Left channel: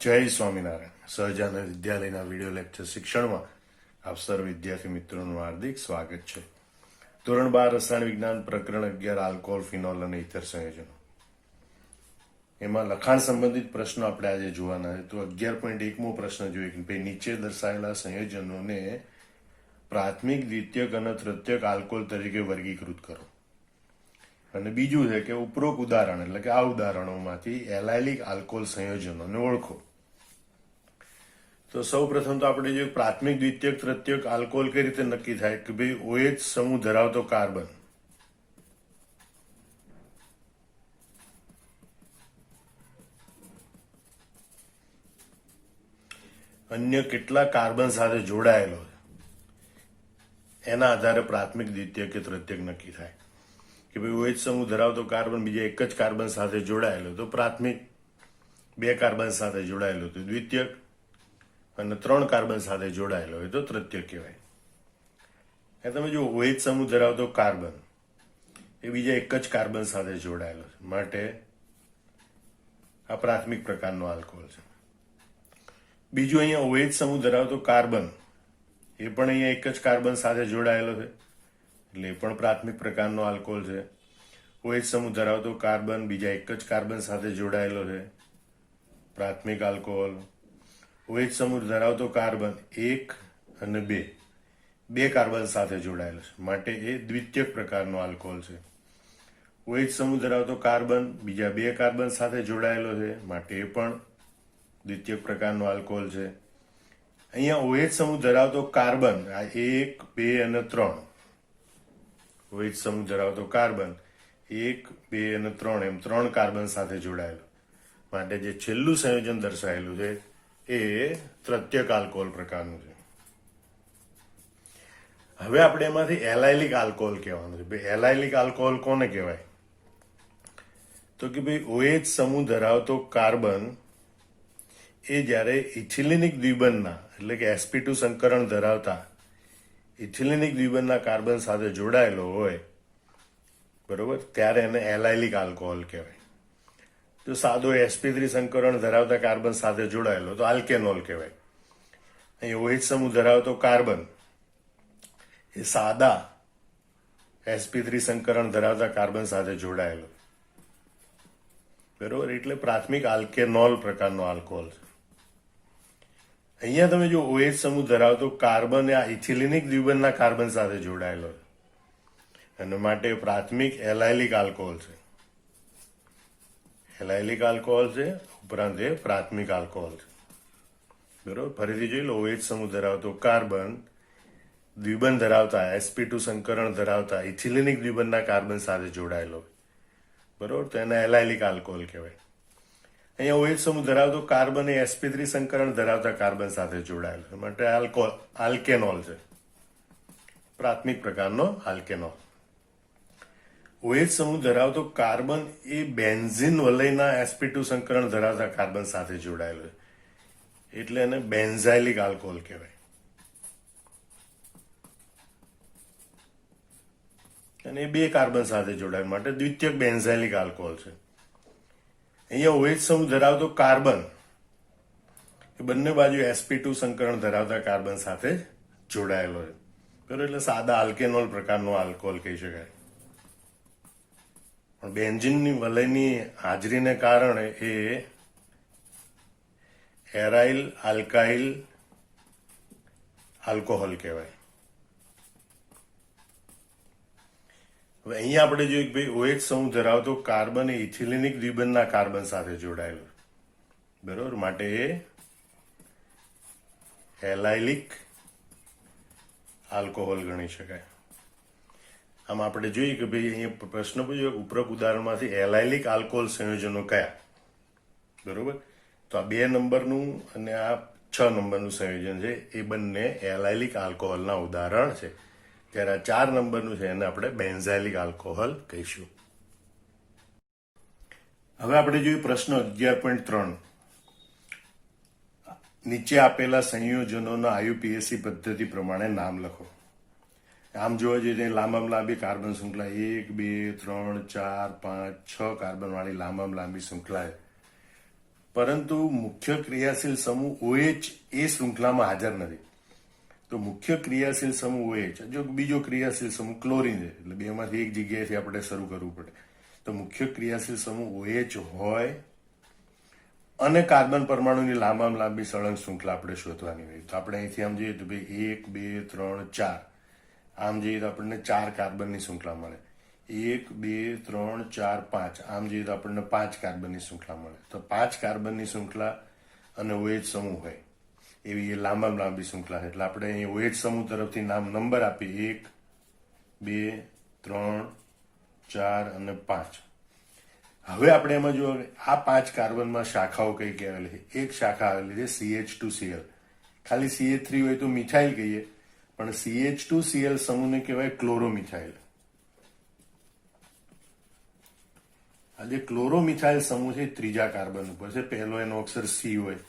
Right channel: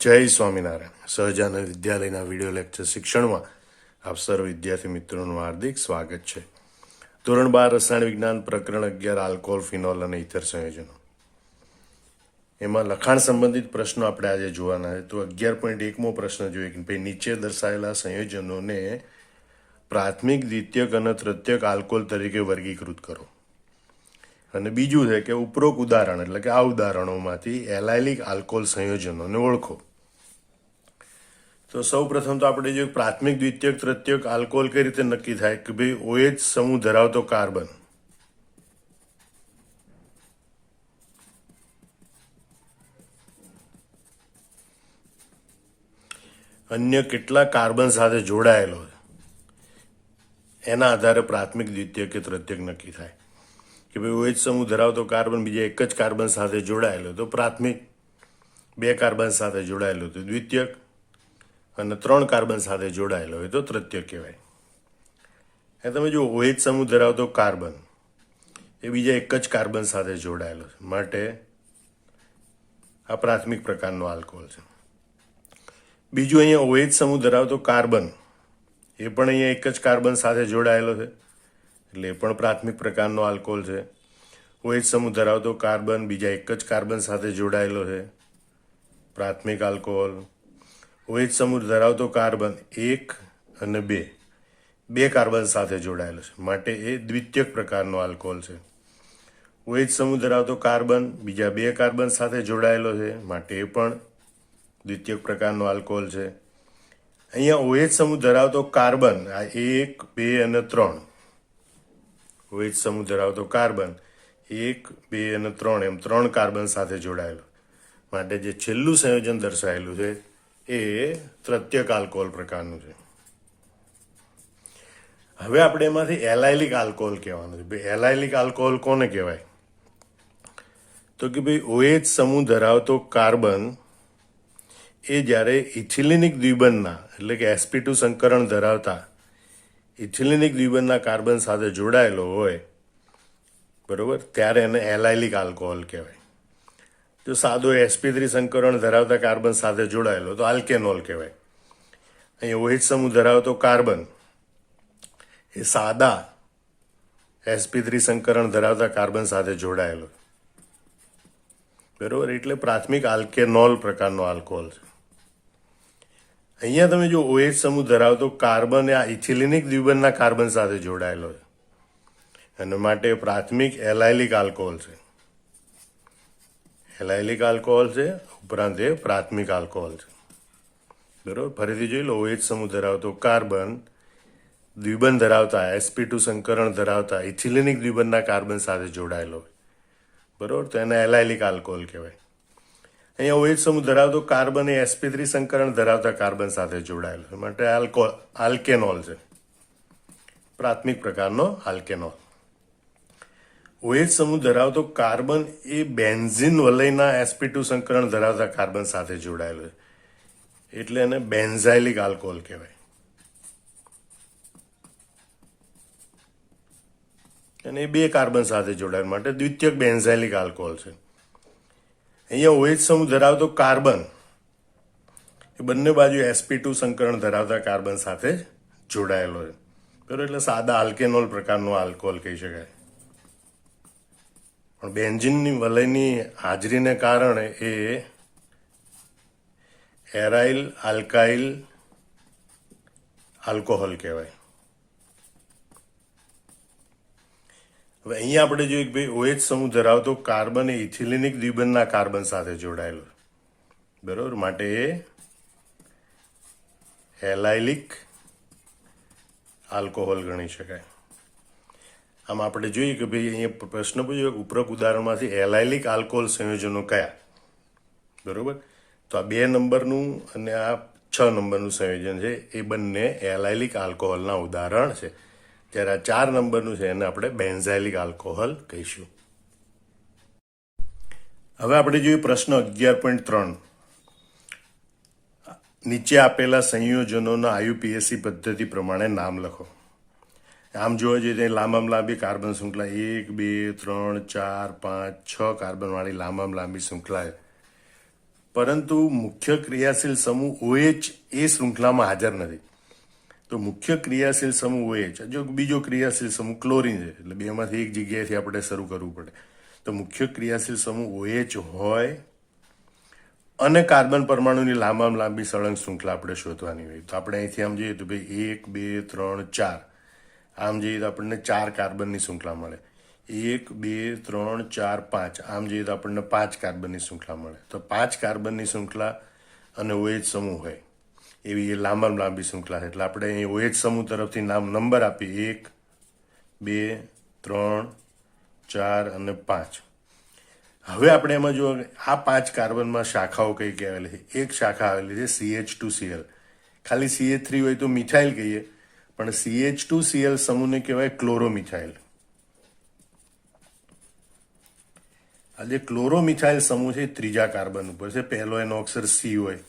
જય સ્વામિનારાયણ. સહજાનંદ વિદ્યાલયના video lecture શિક્ષણમાં આપ સર્વ વિદ્યાર્થી મિત્રોનું હાર્દિક સ્વાગત છે. ધોરણ 12 રસાયણ વિજ્ઞાન પ્રકરણ 11 આલ્કોહોલ, ફિનોલ અને ઇથર સંયોજનો. એમાં લખાણ સંબંધિત પ્રશ્નો આપણે આજે જોવાના છે. તો 11.1મો પ્રશ્ન જોઈએ કે ભાઈ નીચે દર્શાવેલા સંયોજનોને પ્રાથમિક, દ્વિતીયક અને તૃતીયક આલ્કોહોલ તરીકે વર્ગીકૃત કરો. અને બીજું છે કે ઉપરોક્ત ઉદાહરણ એટલે કે આ ઉદાહરણોમાંથી એલાયલિક આલ્કોહોલ સંયોજનોને ઓળખો. તો સૌ પ્રથમ તો આપણે જોઈએ પ્રાથમિક, દ્વિતીયક, તૃતીયક આલ્કોહોલ કઈ રીતે નક્કી થાય કે ભાઈ OH સમૂહ ધરાવતો કાર્બન અન્ય કેટલા કાર્બન સાથે જોડાયેલો એના આધારે પ્રાથમિક, દ્વિતીયક કે તૃતીયક નક્કી થાય. કે ભાઈ OH સમૂહ ધરાવતો કાર્બન બીજા એક જ કાર્બન સાથે જોડાયેલો તો પ્રાથમિક, 2 કાર્બન સાથે જોડાયેલો તો દ્વિતીયક અને 3 કાર્બન સાથે જોડાયેલો હોય તો તૃતીયક કહેવાય. એ તમે જો OH સમૂહ ધરાવતો કાર્બન એ બીજા એક જ કાર્બન સાથે જોડાયેલો છે માટે આ પ્રાથમિક પ્રકારનો આલ્કોહોલ છે. બીજું અહીંયા OH સમૂહ ધરાવતો કાર્બન એ પણ અહીંયા એક જ કાર્બન સાથે જોડાયેલો છે એટલે એ પણ પ્રાથમિક પ્રકારનો આલ્કોહોલ છે. OH સમૂહ ધરાવતો કાર્બન બીજા એક જ કાર્બન સાથે જોડાયેલો છે, પ્રાથમિક આલ્કોહોલ. OH સમૂહ ધરાવતો કાર્બન 1 અને 2 કાર્બન સાથે જોડાયેલો છે માટે એ દ્વિતીયક પ્રકારનો આલ્કોહોલ છે. OH સમૂહ ધરાવતો કાર્બન બીજા 2 કાર્બન સાથે જોડાયેલો છે માટે એ પણ દ્વિતીયક પ્રકારનો આલ્કોહોલ છે. અહીંયા OH સમૂહ ધરાવતો કાર્બન આ 1, 2 અને 3 OH સમૂહ ધરાવતો કાર્બન 1, 2 અને 3 એમ 3 કાર્બન સાથે જોડાયેલો માટે જે છેલ્લું સંયોજન દર્શાવેલું છે એ તૃતીયક આલ્કોહોલ પ્રકારનું છે. હવે આપણે એમાંથી એલાયલિક આલ્કોહોલ કહેવાનું છે. એલાયલિક આલ્કોહોલ કોને કહેવાય તો કે ભાઈ OH સમૂહ ધરાવતો કાર્બન એ જ્યારે ઇથિલિનિક દ્વિબંધના એટલે કે sp2 સંકરણ ધરાવતા ઇથિલિનિક દ્વિબંધના કાર્બન સાથે જોડાયેલો હોય બરોબર ત્યારે એને એલાયલિક આલ્કોહોલ કહેવાય. જો સાદો sp3 સંકરણ ધરાવતા કાર્બન સાથે જોડાયેલો તો આલ્કેનોલ કહેવાય. અહીં OH સમૂહ ધરાવતો કાર્બન એ સાદા sp3 સંકરણ ધરાવતા કાર્બન સાથે જોડાયેલો બરોબર એટલે પ્રાથમિક આલ્કેનોલ પ્રકારનો આલ્કોહોલ છે. અહીંયા તમે જો OH સમૂહ ધરાવતો કાર્બન એ આ ઇથિલિનિક દ્વિબંધના કાર્બન સાથે જોડાયેલો છે અને માટે પ્રાથમિક એલાયલિક આલ્કોહોલ છે. એલાયલિક આલ્કોહોલ છે ઉપરાંત એ પ્રાથમિક આલ્કોહોલ છે બરોબર. ફરીથી જોઈ લો, OH સમૂહ ધરાવતો કાર્બન દ્વિબંધ ધરાવતા sp2 સંકરણ ધરાવતા ઇથિલિનિક દ્વિબંધના કાર્બન સાથે જોડાયેલો બરોબર તો એને એલાયલિક આલ્કોહોલ કહેવાય. અહીંયા OH સમૂહ ધરાવતો કાર્બન એ sp3 સંકરણ ધરાવતા કાર્બન સાથે જોડાયેલો માટે આલ્કેનોલ છે, પ્રાથમિક પ્રકારનો આલ્કેનોલ. OH સમૂહ ધરાવતો કાર્બન એ બેન્ઝીન વલયના sp2 સંકરણ ધરાવતા કાર્બન સાથે જોડાયેલો છે એટલે એને બેન્ઝાઇલિક આલ્કોહોલ કહેવાય. અને એ 2 કાર્બન સાથે જોડાયેલ માટે દ્વિતીયક બેન્ઝાઇલિક આલ્કોહોલ છે. અહીંયા OH સમૂહ ધરાવતો કાર્બન એ બંને બાજુ sp2 સંકરણ ધરાવતા કાર્બન સાથે જોડાયેલો છે બરોબર એટલે સાદા આલ્કેનોલ પ્રકારનો આલ્કોહોલ કહી શકાય. પણ બેન્ઝીનની વલયની હાજરીને કારણે એ એરાઇલ આલ્કાઇલ આલ્કોહોલ કહેવાય. હવે અહીંયા આપણે જોઈએ કે ભાઈ OH સમૂહ ધરાવતો કાર્બન એ ઇથિલિનિક દ્વિબંધના કાર્બન સાથે જોડાયેલો બરોબર માટે એ એલાયલિક આલ્કોહોલ ગણી શકાય. આમ આપણે જોઈએ કે ભાઈ અહીંયા પ્રશ્ન પૂછ્યો ઉપરોક્ત ઉદાહરણમાંથી એલાયલિક આલ્કોહોલ સંયોજનો કયા બરોબર તો આ 2 નંબરનું અને આ 6 નંબરનું સંયોજન છે એ બંને એલાયલિક આલ્કોહોલના ઉદાહરણ છે. ત્યારે આ 4 નંબરનું છે એને આપણે બેન્ઝાઇલિક આલ્કોહોલ કહીશું. હવે આપણે જોઈએ પ્રશ્ન 11.3. નીચે આપેલા સંયોજનોના IUPAC પદ્ધતિ પ્રમાણે નામ લખો. આમ જોવા જઈએ તો લાંબામાં લાંબી કાર્બન શૃંખલા 1, 2, 3, 4, 5, 6 કાર્બન વાળી લાંબામાં લાંબી શૃંખલા પરંતુ મુખ્ય ક્રિયાશીલ સમૂહ OH એ શૃંખલામાં હાજર નથી. તો મુખ્ય ક્રિયાશીલ સમૂહ OH, જો બીજો ક્રિયાશીલ સમૂહ ક્લોરીન છે, એટલે બેમાંથી એક જગ્યાએથી આપણે શરૂ કરવું પડે. તો મુખ્ય ક્રિયાશીલ સમૂહ OH હોય અને કાર્બન પરમાણુની લાંબામાં લાંબી સળંગ શૃંખલા આપણે શોધવાની હોય. તો આપણે અહીંથી આમ જોઈએ તો ભાઈ 1 2 3 4, આમ જોઈએ તો આપણને 4 કાર્બનની શૃંખલા મળે. 1 2 3 4 5, આમ જોઈએ તો આપણને 5 કાર્બનની શૃંખલા મળે. તો 5 કાર્બનની શૃંખલા અને OH સમૂહ હોય એવી એ લાંબામાં લાંબી શૃંખલા છે. એટલે આપણે અહીં OH સમૂહ તરફથી નંબર આપીએ 1 2 3 4 અને 5. હવે આપણે એમાં જો આ 5 કાર્બનમાં શાખાઓ કઈ કઈ આવેલી છે. એક શાખા આવેલી છે CH2Cl. ખાલી CH3 હોય તો મિથાઇલ કહીએ, પણ CH2Cl સમૂહને કહેવાય ક્લોરોમિથાઇલ. આ જે ક્લોરોમિથાઇલ સમૂહ છે ત્રીજા કાર્બન ઉપર છે. પહેલો એનો અક્ષર C હોય.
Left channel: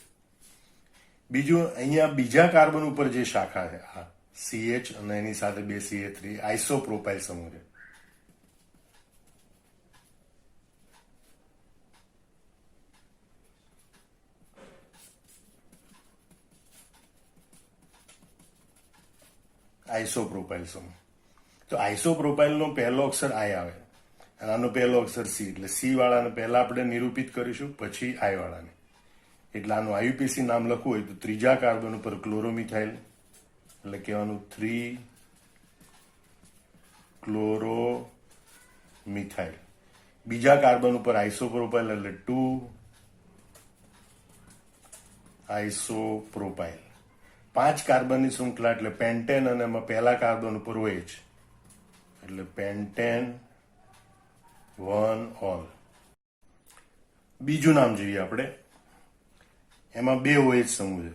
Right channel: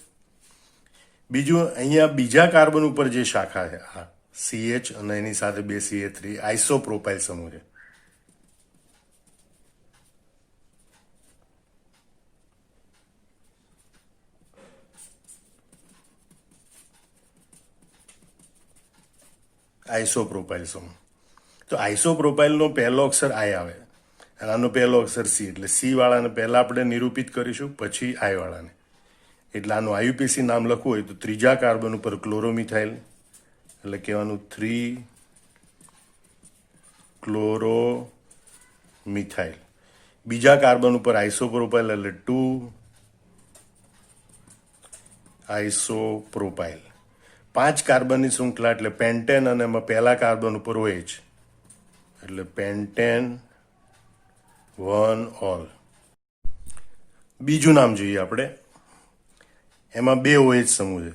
બીજું અહીંયા બીજા કાર્બન ઉપર જે શાખા છે આ CH અને એની સાથે 2 CH3 આઇસોપ્રોપાઇલ સમૂહ છે. આઇસોપ્રોપાઇલ સમૂહ. તો આઇસોપ્રોપાઇલનો પહેલો અક્ષર I આવે અને આનો પહેલો અક્ષર C. એટલે C વાળાને પહેલા આપણે નિરૂપિત કરીશું, પછી I વાળાને. એટલે આનું IUPAC નામ લખવું હોય તો ત્રીજા કાર્બન ઉપર ક્લોરોમિથાઇલ, એટલે કહેવાનું 3 ક્લોરોમિથાઇલ. બીજા કાર્બન ઉપર આઇસોપ્રોપાઇલ એટલે 2 આઇસોપ્રોપાઇલ. 5 કાર્બનની શૃંખલા એટલે પેન્ટેન અને એમાં પહેલા કાર્બન ઉપર OH એટલે પેન્ટેન 1 ઓલ. બીજું નામ જોઈએ આપણે. એમાં 2 OH સમૂહ છે.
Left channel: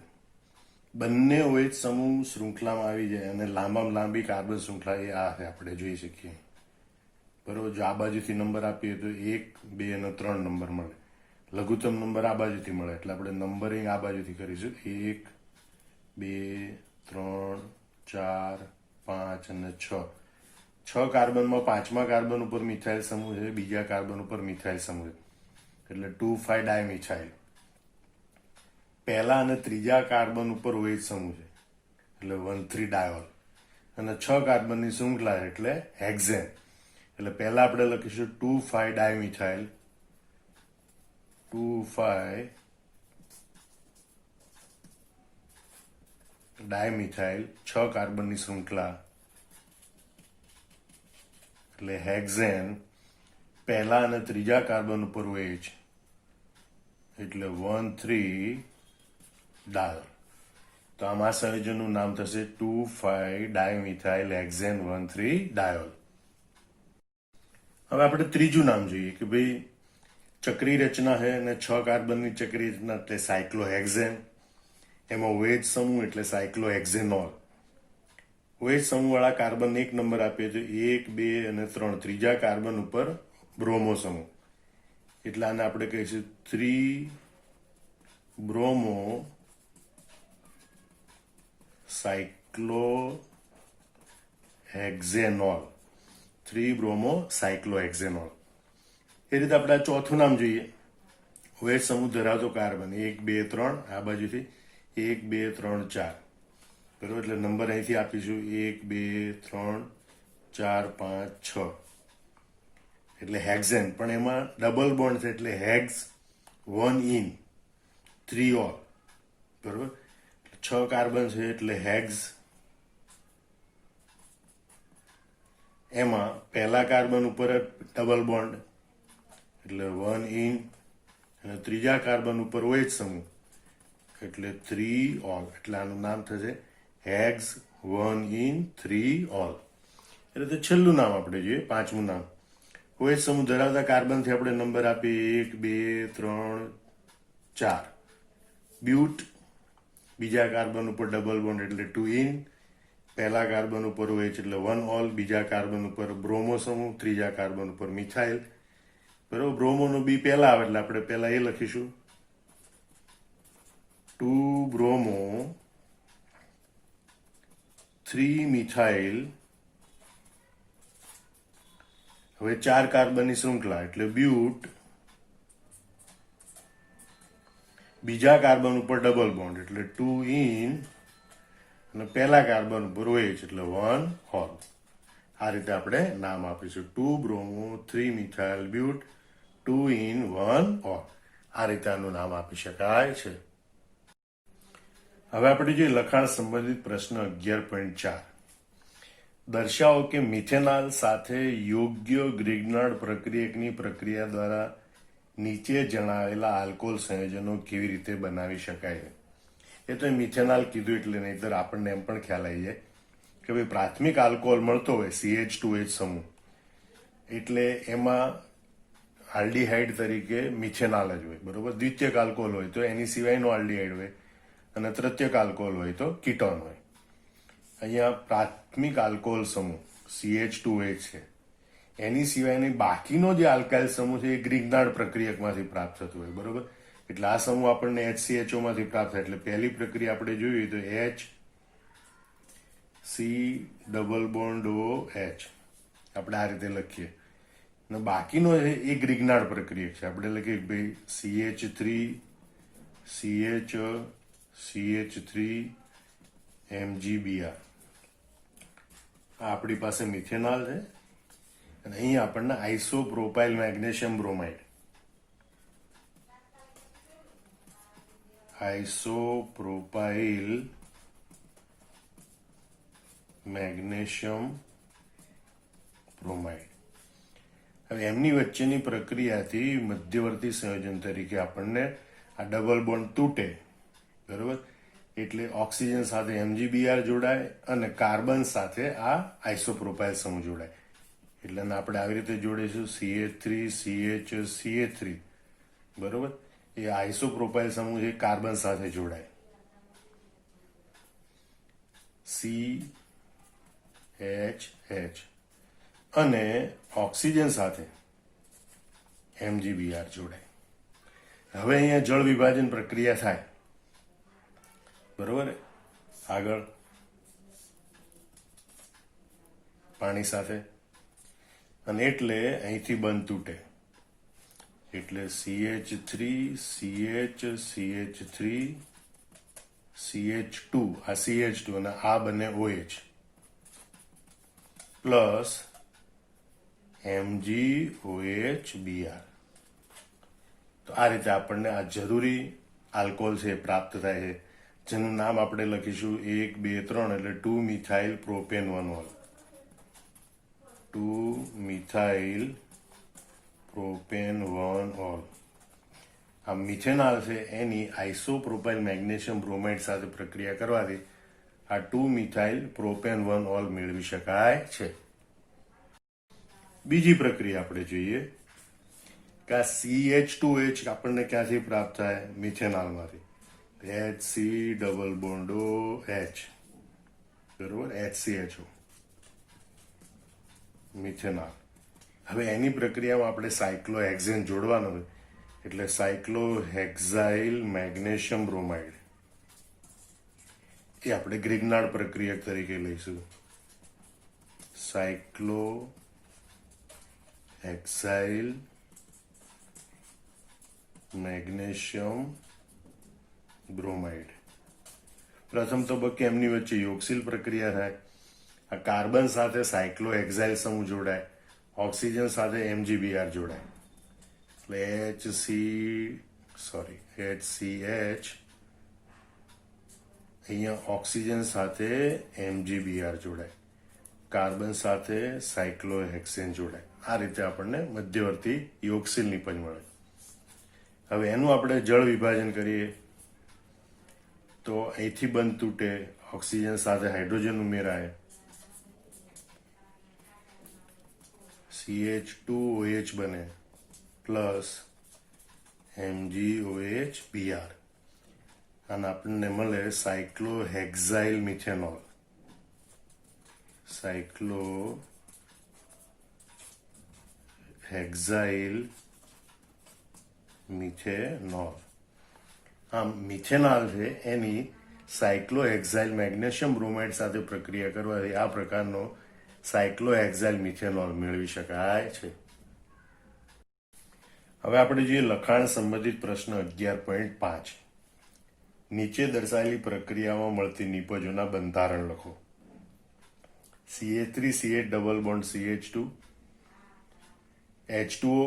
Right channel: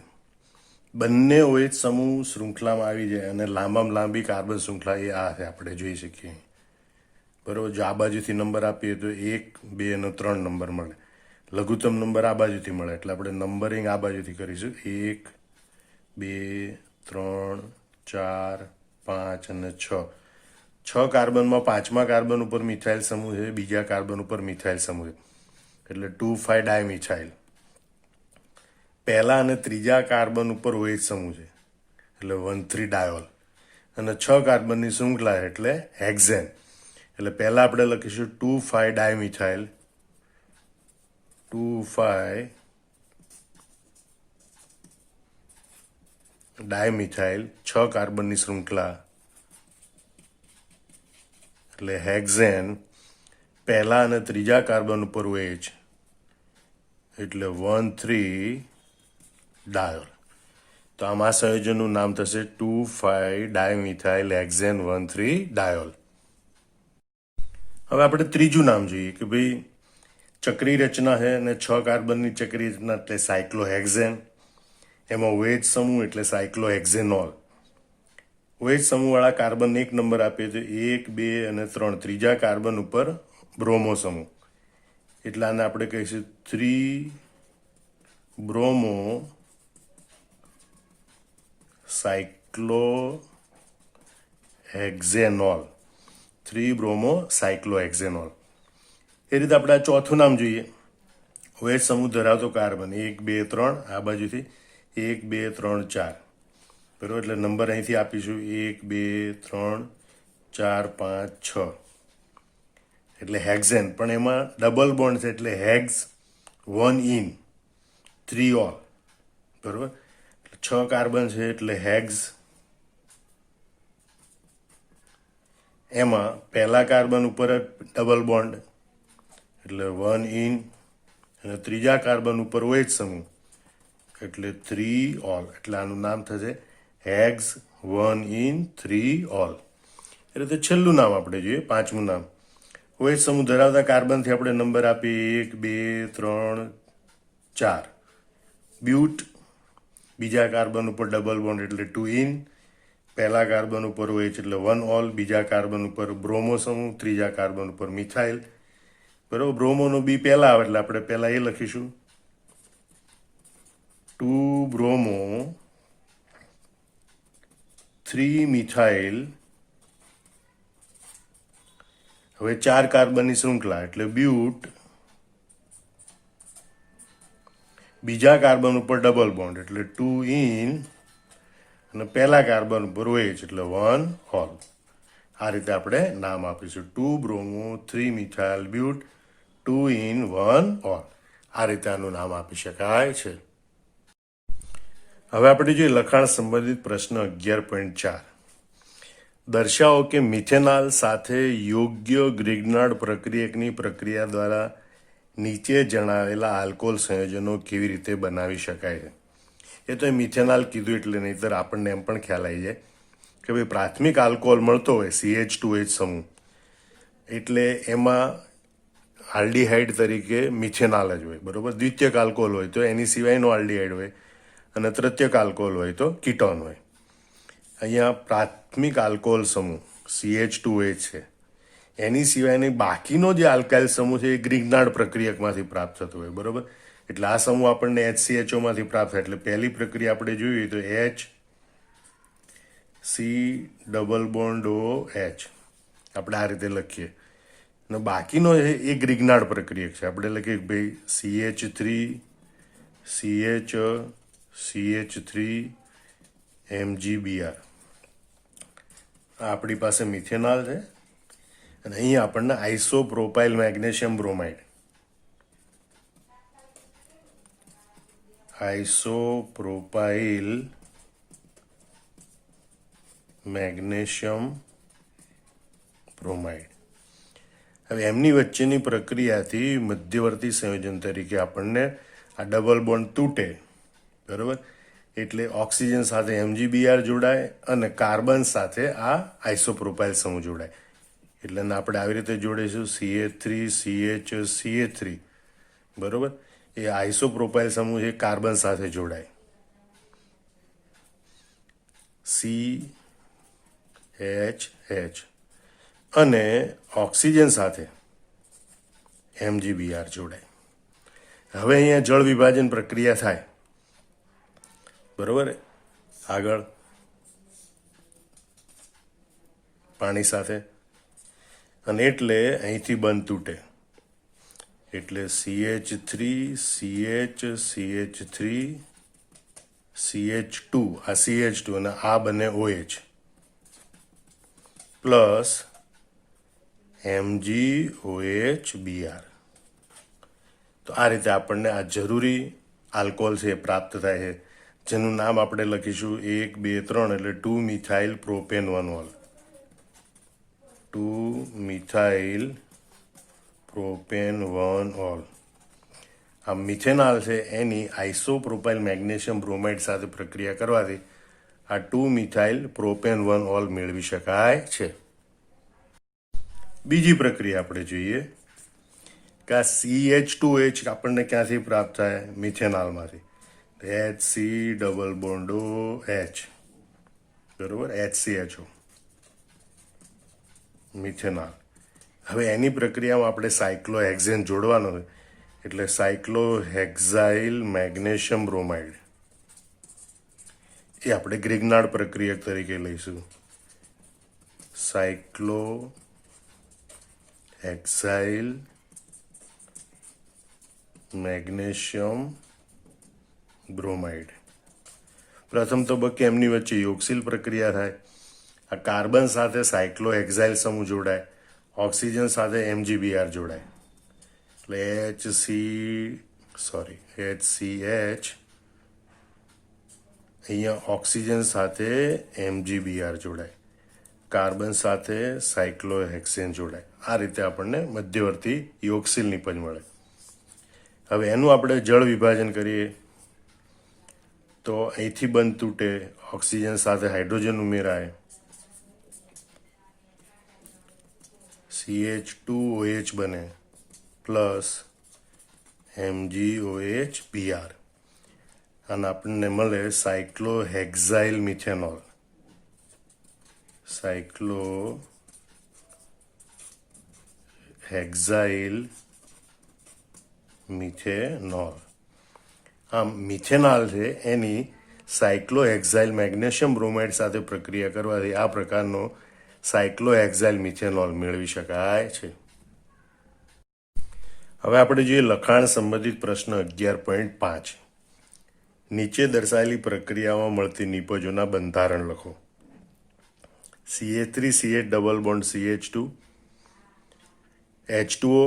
બંને OH સમૂહ શૃંખલામાં આવી જાય અને લાંબામાં લાંબી કાર્બન શૃંખલા એ આ છે, આપણે જોઈ શકીએ. બરોબર. જો આ બાજુથી નંબર આપીએ તો 1 2 અને 3 નંબર મળે. લઘુત્તમ નંબર આ બાજુથી મળે એટલે આપણે નંબરિંગ આ બાજુથી કરીશું. 1 2 3 4 5 અને 6. 6 કાર્બનમાં પાંચમા કાર્બન ઉપર મિથાઇલ સમૂહ છે, બીજા કાર્બન ઉપર મિથાઇલ સમૂહ છે, એટલે 2,5 ડાયમિથાઇલ. પહેલા અને ત્રીજા કાર્બન ઉપર OH સમૂહ છે એટલે 1,3 ડાયોલ. અને 6 કાર્બનની શૃંખલા એટલે હેક્ઝેન. એટલે પહેલા આપણે લખીશું 2,5 ડાયમિથાઇલ, 2,5 ડાયમિથાઇલ, 6 કાર્બનની શૃંખલા એટલે હેક્ઝેન. પહેલા અને ત્રીજા કાર્બન ઉપર OH એટલે 1,3 ડાયોલ. તો આમાં સંયોજનનું નામ થશે 2,5 ડાયમિથાઇલ હેક્ઝેન 1,3 ડાયોલ. હવે આપણે ત્રીજું નામ જોઈએ કે ભાઈ ચક્રી રચના છે અને 6 કાર્બનની ચક્રી રચના એટલે સાયક્લોહેક્ઝેન. એમાં OH સમૂહ એટલે સાયક્લોહેક્ઝેનોલ. OH સમૂહવાળા કાર્બન એક નંબર આપીએ તો 1 2 અને 3. ત્રીજા કાર્બન ઉપર બ્રોમો સમૂહ એટલે આને આપણે કહીશું 3 બ્રોમો સાયક્લોહેક્ઝેનોલ. 3 બ્રોમો સાયક્લોહેક્ઝેનોલ. એ રીતે આપણે આ ચોથું નામ જોઈએ. OH સમૂહ ધરાવતો કાર્બન 1 2 3, આ બાજુથી 1 2 3 4. બરાબર. એટલે નંબર અહીંથી આપીશું 1 2 3 4 5 6. એટલે હેક્ઝેન, પણ એમાં ડબલ બોન્ડ છે એટલે હેક્સ 1 ઇન 3 ઓલ. બરાબર. 6 કાર્બન છે એટલે હેક્સ. એમાં પહેલા કાર્બન ઉપર ડબલ બોન્ડ એટલે 1 ઇન, અને ત્રીજા કાર્બન ઉપર OH સમૂહ એટલે 3 ઓલ. એટલે આનું નામ થશે હેક્સ 1 ઇન 3 ઓલ. એટલે તો છેલ્લું નામ આપણે જોઈએ, પાંચમું નામ. OH સમૂહ ધરાવતા કાર્બનથી આપણે નંબર આપીએ 1 2 3 4. બ્યુટ. બીજા કાર્બન ઉપર ડબલ બોન્ડ એટલે 2 ઇન, પહેલા કાર્બન ઉપર OH એટલે 1 ઓલ, બીજા કાર્બન ઉપર બ્રોમો સમૂહ, ત્રીજા કાર્બન ઉપર મિથાઇલ. બરાબર. બ્રોમોનો બી પહેલા આવે એટલે આપણે પહેલા એ લખીશું 2 બ્રોમો 3 મિથાઇલ. હવે 4 કાર્બનની શૃંખલા એટલે બ્યુટ બીજા કાર્બન ઉપર ડબલ બોન્ડ એટલે 2 ઇન અને પહેલા કાર્બન ઉપર OH એટલે 1 ઓલ. આ રીતે આપણે નામ આપીશું 2 બ્રોમો 3 મિથાઇલ બ્યુટ 2 ઇન 1 ઓલ. આ રીતે આનું નામ આપી શકાય છે. હવે આપણે જોઈએ લખાણ સંબંધિત પ્રશ્ન 11.4. દર્શાવો કે મિથેનોલ સાથે યોગ્ય ગ્રિગ્નાર્ડ પ્રક્રિયકની પ્રક્રિયા દ્વારા નીચે જણાવેલા આલ્કોહોલ સંયોજનો કેવી રીતે બનાવી શકાય છે. એ તો મિથેનોલ કીધું એટલે નહીંતર આપણને એમ પણ ખ્યાલ આવી જાય કે ભાઈ પ્રાથમિક આલ્કોહોલ મળતો હોય CH2H સમૂહ એટલે એમાં આલ્ડીહાઇડ તરીકે મિથેનોલ જ હોય, બરોબર. દ્વિતીયક આલ્કોહોલ હોય તો એની સિવાયનો આલ્ડીહાઇડ હોય અને તૃતીયક આલ્કોહોલ હોય તો કીટોન હોય. અહીંયા પ્રાથમિક આલ્કોહોલ સમૂહ CH2H છે, એની સિવાયની બાકીનો જે આલ્કાઇલ સમૂહ છે એ ગ્રિગ્નાર્ડ પ્રક્રિયકમાંથી પ્રાપ્ત થતો હોય, બરોબર. એટલે આ સમૂહ આપણને HCHO માંથી પ્રાપ્ત થાય. એટલે પહેલી પ્રક્રિયા આપણે જોઈએ તો HC ડબલ બોન્ડ OH આપણે આ રીતે લખીએ અને બાકીનો એ ગ્રિગ્નાર્ડ પ્રક્રિયક છે. આપણે લખીએ ભાઈ CH3 MgBr. આપણી પાસે મિથેનોલ છે અને અહીંયા આપણને આઇસોપ્રોપાઇલ મેગ્નેશિયમ બ્રોમાઇડ આઇસોપ્રોપાઇલ મેગ્નેશિયમ બ્રોમાઇડ. હવે એમની વચ્ચેની પ્રક્રિયાથી મધ્યવર્તી સંયોજન તરીકે આપણને આ ડબલ બોન્ડ તૂટે, બરોબર. એટલે ઓક્સિજન સાથે MgBr જોડાય અને કાર્બન સાથે આ આઇસોપ્રોપાઇલ સમૂહ જોડાય. એટલે આપણે આવી રીતે જોડીશું CH3 બરોબર. એ આઇસોપ્રોપાઇલ સમૂહ છે કાર્બન સાથે જોડાય CH અને ઓક્સિજન સાથે MgBr જોડાય. હવે અહીંયા જળ વિભાજન પ્રક્રિયા થાય, બરોબર. આગળ પાણી સાથે અને એટલે અહીંથી બંધ તૂટે એટલે CH3 CH2 આ CH2 અને આ બને OH પ્લસ MgOHBr. તો આ રીતે આપણને આ જરૂરી આલ્કોહોલ છે એ પ્રાપ્ત થાય છે, જેનું નામ આપણે લખીશું 1 2 3 એટલે 2 methyl propane 1 all. 2 methyl propane 1 all. આ મિથેનોલ છે એની આઇસોપ્રોપાઇલ મેગ્નેશિયમ બ્રોમાઇડ સાથે પ્રક્રિયા કરવાથી આ 2 મિથાઇલ પ્રોપેન 1 ઓલ મેળવી શકાય છે. બીજી પ્રક્રિયા આપણે જોઈએ કે આ CH2H આપણને ક્યાંથી પ્રાપ્ત થાય? મિથેનોલમાંથી. HC ડબલ બોન્ડ OH બરોબર, HCHO મિથેનોલ. હવે એની પ્રક્રિયામાં આપણે સાયક્લોહેક્ઝેન જોડવાનો એટલે સાયક્લોહેક્ઝાઇલ મેગ્નેશિયમ બ્રોમાઇડ એ આપણે ગ્રિગ્નાર્ડ પ્રક્રિયક તરીકે લઈશું. સાયક્લોહેક્ઝાઇલ મેગ્નેશિયમ બ્રોમાઇડ. પ્રથમ તબક્કે એમની વચ્ચે યોગશીલ પ્રક્રિયા થાય. આ કાર્બન સાથે સાયક્લોહેક્ઝાઇલ સમૂહ જોડાય, ઓક્સિજન સાથે MgBr જોડાય એટલે HCH અહીંયા ઓક્સિજન સાથે MgBr જોડાય, કાર્બન સાથે સાયક્લોહેક્સેન જોડાય. આ રીતે આપણને મધ્યવર્તી યોગશીલ નિપજ મળે. હવે એનું આપણે જળ વિભાજન કરીએ તો અહીંથી બંધ તૂટે, ઓક્સિજન સાથે હાઇડ્રોજન ઉમેરાય, CH2OH બને પ્લસ MgOHBr અને આપણને મળે સાયક્લોહેક્ઝાઇલ મિથેનોલ. સાયક્લોહેક્ઝાઇલ મિથેનોલ. આમ મિથેનોલ છે એની સાયક્લોહેક્ઝાઇલ મેગ્નેશિયમ બ્રોમાઇડ સાથે પ્રક્રિયા કરવાથી આ પ્રકારનો સાયક્લોહેક્ઝાઇલ મિથેનોલ મેળવી શકાય છે. હવે આપણે જોઈએ લખાણ સંબંધિત પ્રશ્ન 11.5. નીચે દર્શાવેલી પ્રક્રિયામાં મળતી નિપજોના બંધારણ લખો. CH3CH double bond CH2 H2O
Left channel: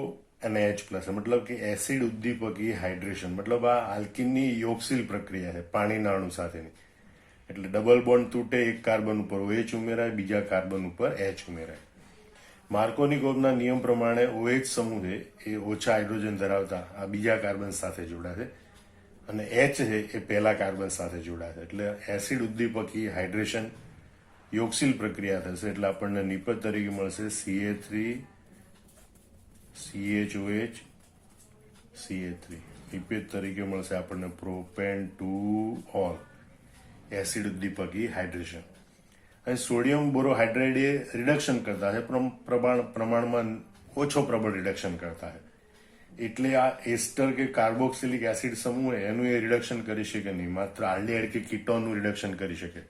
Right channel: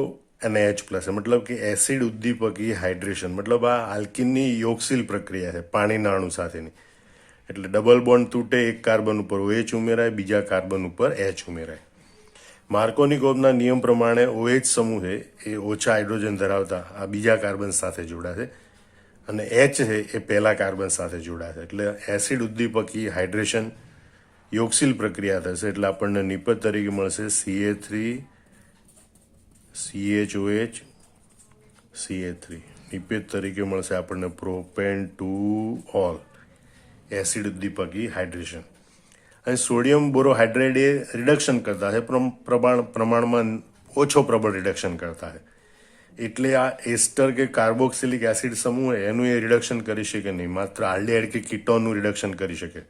અને H પ્લસ, મતલબ કે એસિડ ઉદ્દીપકી હાઇડ્રેશન, મતલબ આ આલ્કિનની યોગશીલ પ્રક્રિયા છે પાણીના અણુ સાથેની. એટલે ડબલ બોન્ડ તૂટે, એક કાર્બન ઉપર OH ઉમેરાય, બીજા કાર્બન ઉપર H ઉમેરાય. માર્કોનિકોવના નિયમ પ્રમાણે OH સમૂહ છે એ ઓછા હાઇડ્રોજન ધરાવતા આ બીજા કાર્બન સાથે જોડાશે અને H છે એ પહેલા કાર્બન સાથે જોડાશે. એટલે એસિડ ઉદ્દીપકી હાઇડ્રેશન યોગશીલ પ્રક્રિયા થશે. એટલે આપણને નિપજ તરીકે મળશે CH3CHOH CH3. નિપજ તરીકે મળશે આપણને પ્રોપેન 2 ઓલ, એસિડ ઉદ્દીપકી હાઇડ્રેશન. અને સોડિયમ બોરોહાઇડ્રેટ એ રિડક્શન કરતા છે, પ્રમાણમાં ઓછો પ્રબળ રિડક્શન કરતા છે. એટલે આ એસ્ટર કે કાર્બોક્સિલિક એસિડ સમૂહ એનું એ રિડક્શન કરી શકે નહીં, માત્ર આલ્ડીહાઇડ કે કીટોનનું રિડક્શન કરી શકે.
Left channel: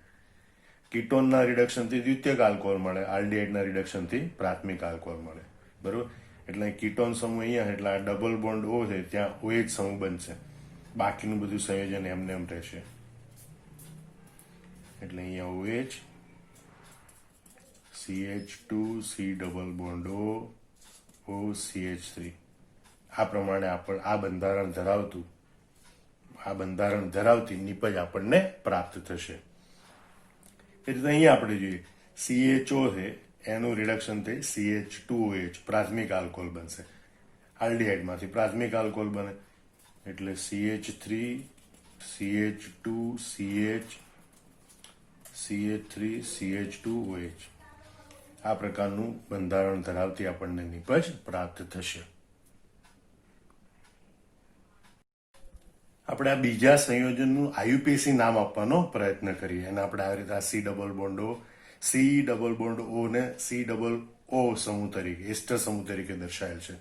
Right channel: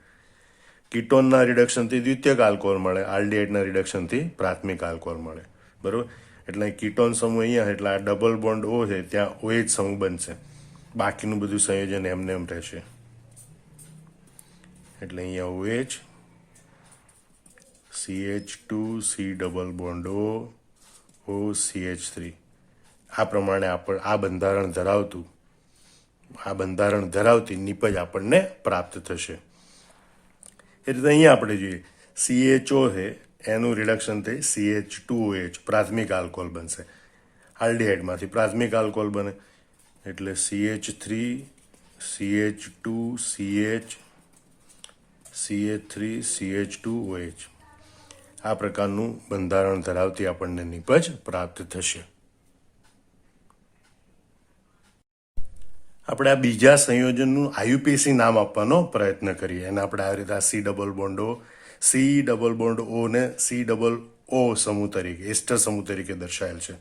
કીટોનના રિડક્શનથી દ્વિતીયક આલ્કોહોલ મળે, આલ્ડીહાઇડના રિડક્શનથી પ્રાથમિક આલ્કોહોલ મળે. બરોબર? એટલે કીટોન સમૂહ અહીંયા, એટલે આ ડબલ બોન્ડ O છે ત્યાં OH સમૂહ બનશે, બાકીનું બધું સંયોજન એમને એમ રહેશે. એટલે અહીંયા OH CH2 C double bond O CH3. આ પ્રમાણે આ બંધારણ ધરાવતી નિપજ આપણને પ્રાપ્ત થશે. એ રીતે અહીંયા આપણે જોઈએ CHO છે એનું રિડક્શન થઈ CH2OH પ્રાથમિક આલ્કોહોલ બનશે. આલ્ડીહાઇડમાંથી પ્રાથમિક આલ્કોહોલ બને એટલે CH3 CH2 CH CH3 CH2OH. આ પ્રકારનું બંધારણ ધરાવતી આપણને નિપજ પ્રાપ્ત થશે. આપણે આ બીજા સંયોજનનું IUPAC નામ આપવાનો પ્રયત્ન કરીએ. અને આપણે આ રીતે C ડબલ બોન્ડ O ને C ડબલ O સમૂહ તરીકે, એસ્ટર સમૂહ તરીકે દર્શાવેલ છે.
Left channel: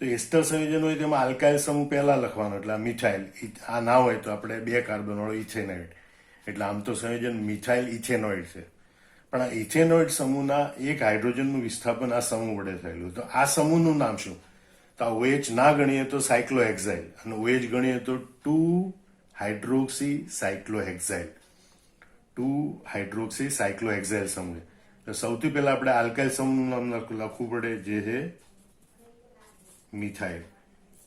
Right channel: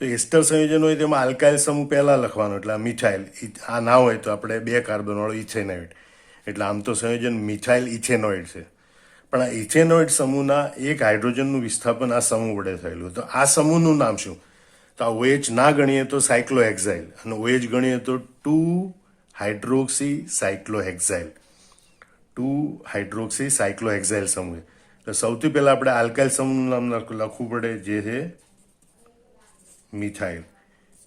તો એસ્ટર સંયોજન હોય તેમાં આલ્કાઇલ સમૂહ પહેલા લખવાનો, એટલે આ મિથાઇલ. આ ના હોય તો આપણે 2 કાર્બન વાળો ઇથેનોઇડ. એટલે આમ તો સંયોજન મિથાઇલ ઇથેનોઇડ છે, પણ આ ઇથેનોઇડ સમૂહના એક હાઇડ્રોજનનું વિસ્થાપન આ સમૂહ વડે થયેલું. તો આ સમૂહનું નામ શું? તો આ OH ના ગણીએ તો સાયક્લોહેક્સાઇલ, અને OH ગણીએ તો 2-હાઇડ્રોક્સી સાયક્લોહેક્સાઇલ. 2-હાઇડ્રોક્સી સાયક્લોહેક્સાઇલ સમૂહ. તો સૌથી પહેલા આપણે આલ્કાઇલ સમૂહનું નામ લખવું પડે, જે છે મિથાઇલ.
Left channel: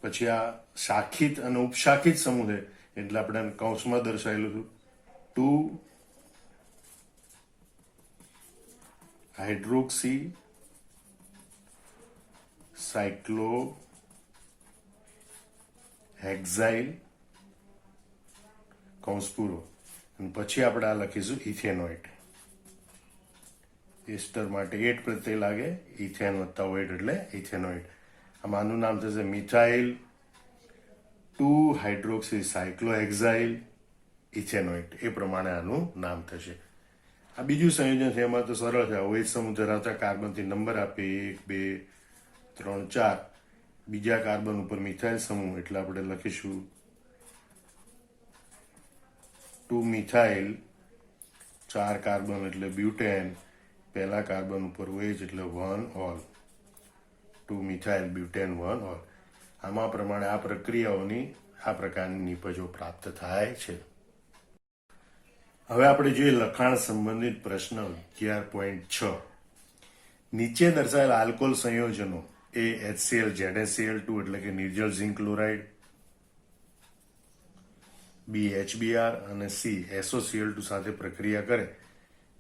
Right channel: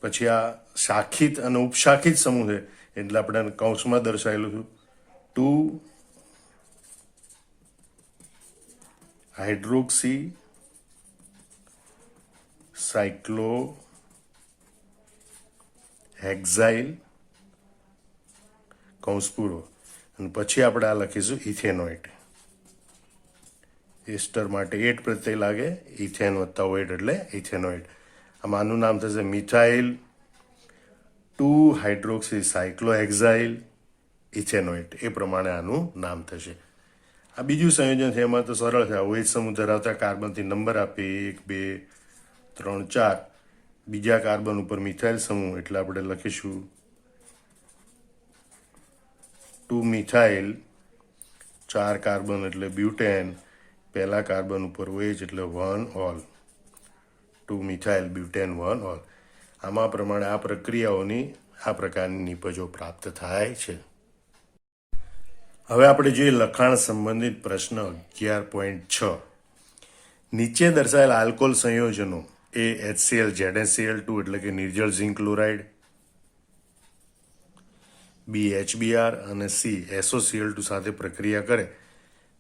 પછી આ શાખિત અને ઉપશાખિત સમૂહ છે, એટલે આપણે કૌંસમાં દર્શાવેલું હતું 2-હાઇડ્રોક્સી સાયક્લોહેક્સાઇલ કૌંસ પૂરો. અને પછી આપણે આ લખીશું ઇથેનોઇડ. એસ્ટર માટે 8 પ્રત્યય લાગે, ઇથેન વત્તા ઓઇડ એટલે ઇથેનોઇડ. આમાં આનું નામ થશે મિથાઇલ 2-હાઇડ્રોક્સી સાયક્લોહેક્સાઇલ ઇથેનોઇડ. એ પ્રમાણે આનું નામ થશે. આ બીજું સંયોજન છે, એમાં તો સરળ છે. OH સમૂહ ધરાવતા કાર્બનથી નંબર આપીએ 1 2 3 4. બીજા કાર્બન ઉપર મિથાઇલ સમૂહ, એટલે આપણે લખીશું 2 મિથાઇલ, 4 કાર્બન એટલે બ્યુટેન, પહેલા કાર્બન ઉપર OH એટલે 1 ઓલ. 2 methyl butane 1 all. આમાં પ્રમાણે આ પ્રક્રિયાઓની આ પ્રકારની નિપજો પ્રાપ્ત થાય છે. હવે આપણે જોઈએ લખાણ સંબંધિત પ્રશ્ન 11.6. નીચે દર્શાવેલ આલ્કોહોલ સંયોજનો A HCl ZnCl2 એટલે કે નિર્જળ ઝિંક ક્લોરાઇડ, B HBr અને C SOCl2 સાથે પ્રક્રિયા કરે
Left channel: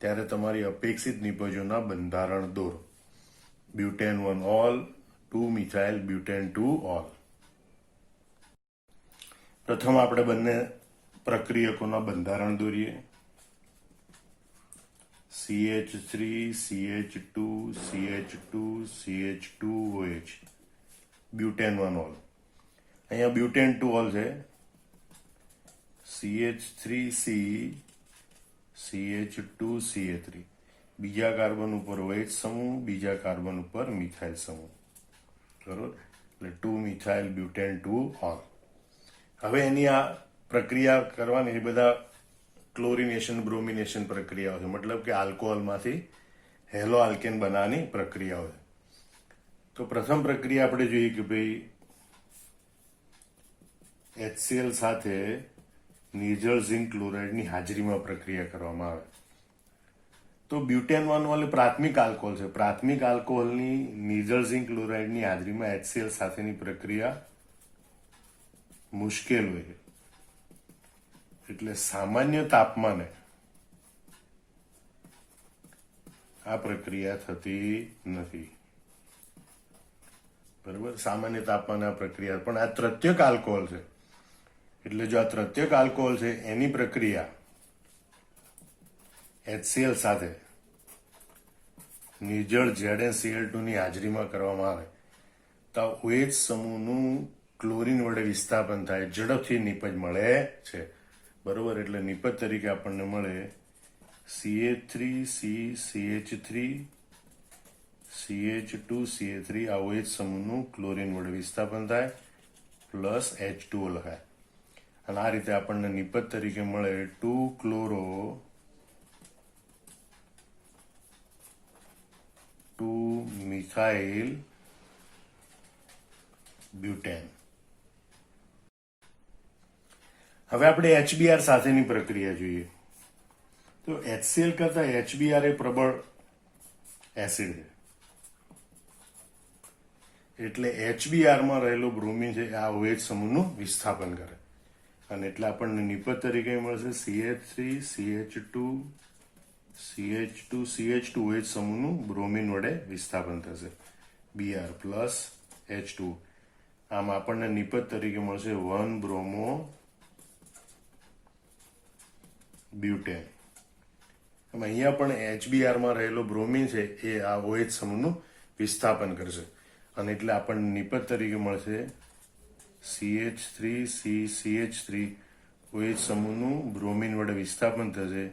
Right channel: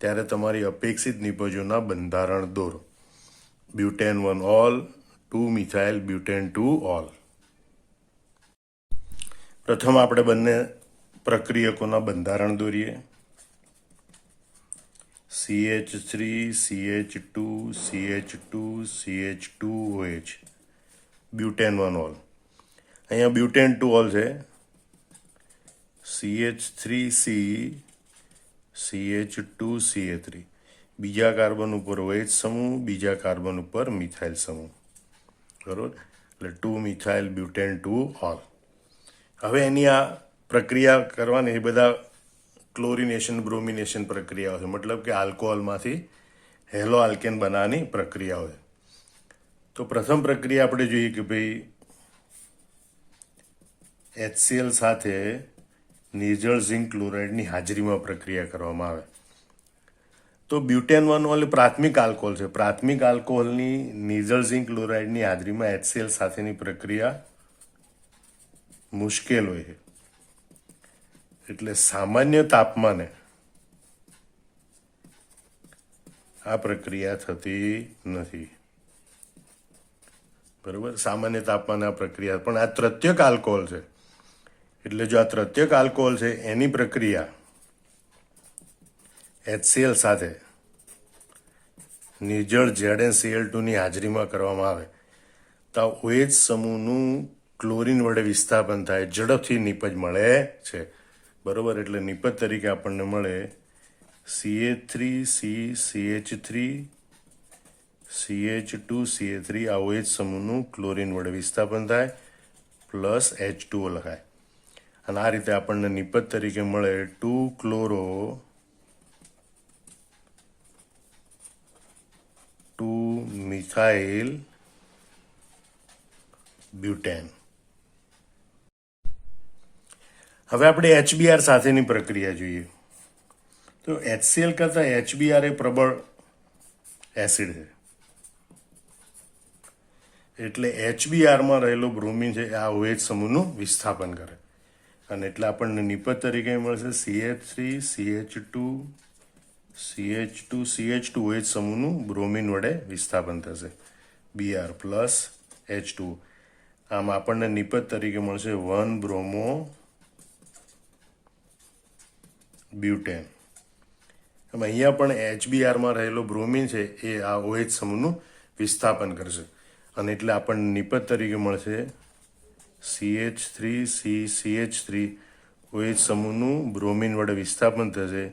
ત્યારે તમારી અપેક્ષિત નિપજોના બંધારણ દોરો. Butane 1 all, 2 methyl butane 2 all. પ્રથમ આપણે બંને પ્રક્રિયકોના બંધારણ દોરીએ. CH3 CH2 CH2 CH2OH butane 1 all. અહીંયા બ્યુટેન 2 ઓલ છે. CH3C CH2CA3. બીજા કાર્બન ઉપર OH સમૂહ, બીજા કાર્બન ઉપર મિથાઇલ સમૂહ. બરોબર? એટલે 2 મિથાઇલ બ્યુટેન 2 ઓલ. હવે એની આ પ્રક્રિયા કરવાની એ બધા ક્લોરિનેશન બ્રોમિનેશન પ્રક્રિયાઓ છે, મતલબ કે આલ્કોહોલમાંથી હેલો આલ્કેન બનાવવાની પ્રક્રિયાઓ છે. તો પ્રથમ પ્રક્રિયા આપણે જોઈએ કે ભાઈ HCl સાથે નિર્જળ ઝિંક ક્લોરાઇડની હાજરીમાં પ્રક્રિયા કરવામાં આવે તો બ્યુટેન 1 પ્રાથમિક આલ્કોહોલ છે. પ્રાથમિક આલ્કોહોલની નિર્જળ ઝિંક ક્લોરાઇડની હાજરીમાં HCl સાથેની પ્રક્રિયા મુશ્કેલ હોય છે. એટલે સામાન્ય તાપમાને આ પ્રક્રિયા થતી નથી. બરોબર, સામાન્ય તાપમાને આ પ્રક્રિયા, પણ આ તૃતીયક આલ્કોહોલ છે એટલે જો આ તૃતીયક આલ્કોહોલ છે એની પ્રક્રિયા HCl સાથે નિર્જળ ZnCl2 ની હાજરીમાં કરવામાં આવે તો OH સમૂહનું ક્લોરીન વડે વિસ્થાપન થાય, ઝડપથી નિપજ મળે છે. બરોબર, એટલે નિપજ તરીકે આપણને મળે CH3CCH3 CH2CH3 આ OH સમૂહનું ક્લોરીન વડે વિસ્થાપન થાય પ્લસ H2O લખાય અને આ રીતે આપણને નિપજ તરીકે મળે 2-chloro 2-methyl butane. હવે આપણે HBr સાથેની પ્રક્રિયા જોઈએ તો HCl કરતા HBr એ પ્રબળ એસિડ છે એટલે HBr માં રહેલો બ્રોમિન છે આ OH સમૂહનું વિસ્થાપન કરે અને એટલે આપણને નિપજ તરીકે મળશે CH3CH2CH2 OH સમૂહનું બ્રોમિન વડે વિસ્થાપન થશે Br પ્લસ H2. આમ આપણને નિપજ તરીકે મળશે 1-bromo butane. અહીંયા પણ HBr માં રહેલો બ્રોમિન છે એ આ OH સમૂહનું વિસ્થાપન કરશે અને એટલે આપણને નિપજ તરીકે મળશે CH3CCH3 OH સમૂહનું બ્રોમિન વડે વિસ્થાપન થશે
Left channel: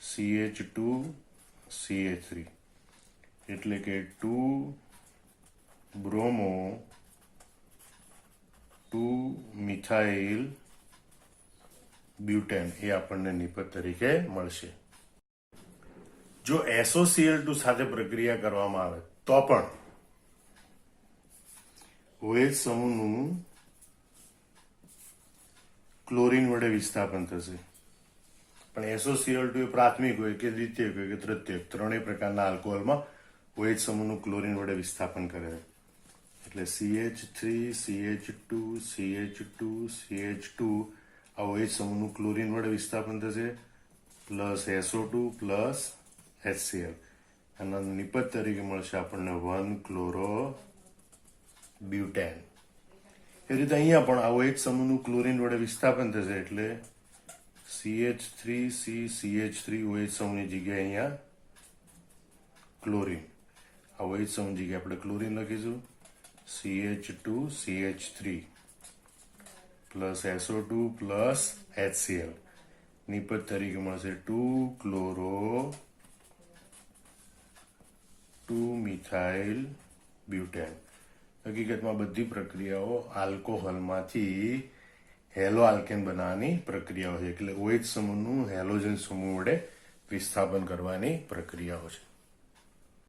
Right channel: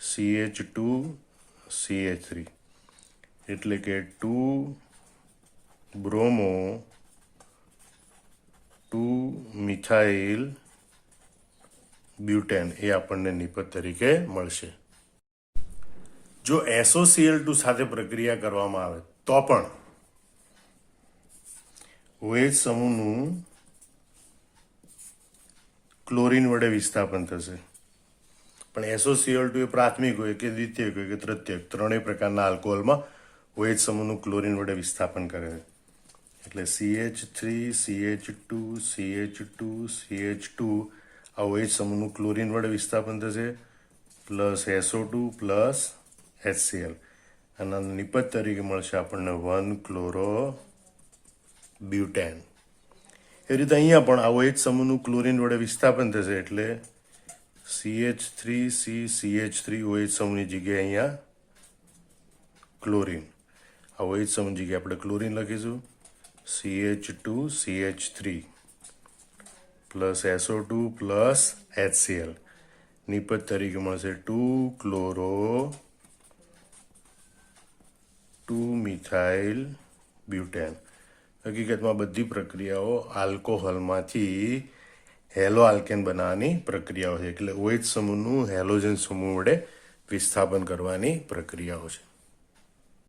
CH2CH3 એટલે કે 2-bromo 2-methyl butane એ આપણને નિપજ તરીકે મળશે. જો SOCl2 સાથે પ્રક્રિયા કરવામાં આવે તો પણ OH સમૂહનું ક્લોરીન વડે વિસ્થાપન થશે. પણ SOCl2 એ પ્રાથમિક હોય કે દ્વિતીયક હોય કે તૃતીયક, ત્રણેય પ્રકારના આલ્કોહોલમાં OH સમૂહનું ક્લોરીન વડે વિસ્થાપન કરે છે. એટલે CH3CH2CH2CH2 આ OH સમૂહનું ક્લોરીન વડે વિસ્થાપન થશે પ્લસ SO2 પ્લસ HCl અને નિપજ તરીકે મળશે આપણને 1-chloro butane. એ રીતે અહીંયા પણ આ OH સમૂહનું ક્લોરીન વડે વિસ્થાપન થશે એટલે CH3CCH3 OH સમૂહની જગ્યાએ અહીંયા ક્લોરીન, આ OH સમૂહ જગ્યાએ આપણે ક્લોરીન લખીશું CH2CH3 plus SO2 plus HCl નિપજ તરીકે મળશે 2-chloro 2-methyl butane. હકીકતમાં બધી પ્રક્રિયાઓ આલ્કોહોલમાંથી હેલો આલ્કેન બનાવવાની પ્રક્રિયાઓ છે એટલે OH સમૂહનું હેલોજન સમૂહ વડે વિસ્થાપન કરવાની પ્રક્રિયાઓ છે.